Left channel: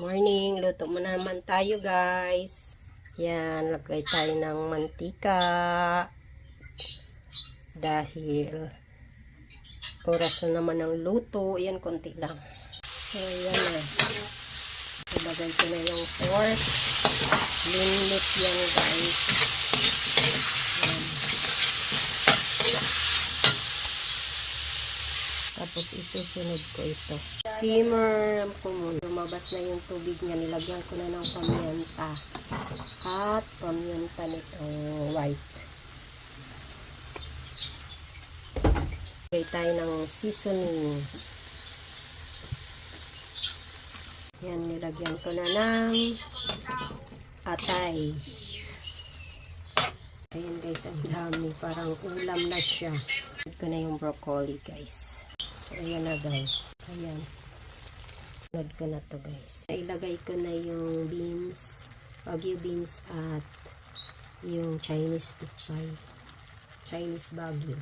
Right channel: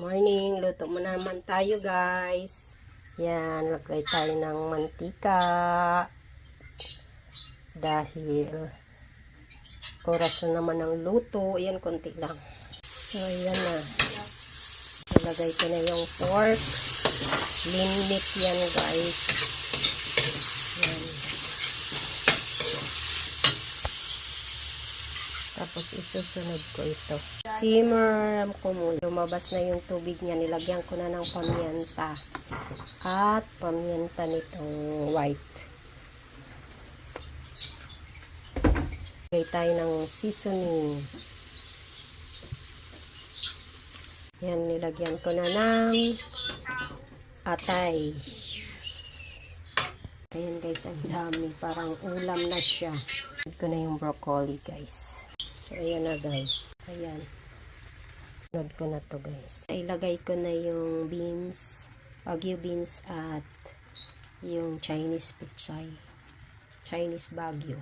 Morning, luto mo naman tayo guys. Yan, lagay tayo ng mantika. Dahil oras na naman ng luto. Yan, konti lang. So, yan na. Ilagay ko na yung pork. Linit yan guys. Yan. Tapos isusunod ko ito. Simmer ko muna. Lumabas na yung tubig niya. Nilagyan ko na ng pamyenta. At pamyenta nitong white. Lagay tayo ng seasoning. Yan, nilagyan ko na ng atay. Ayan guys, ang dami. Parang ulam na siya. Lagyan ko na yung broccoli guys. So, ayan na guys. Ayan. Sunod ko na to guys. Ilagay ko na yung beans. Wagyu beans at yung Chinese pichay. Chinese Wagyu.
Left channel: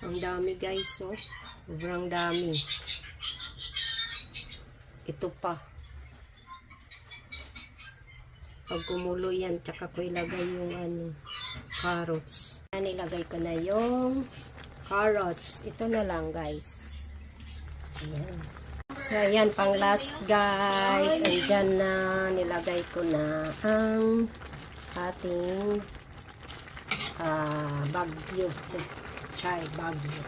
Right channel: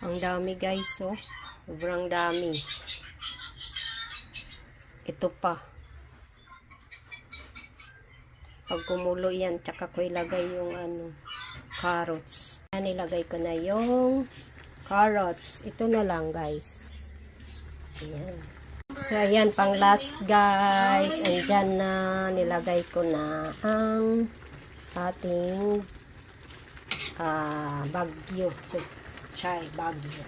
Ang dami guys, oh. Sobrang dami. Ito pa. Pag kumulo yan, tsaka ko ilagay yung carrots. Nilagay ko na yung carrots. Ito na lang guys. Ayan. So, ayan, pang last guys. Andyan na, nilagay ko na ang ating Wagyu. Chai Wagyu.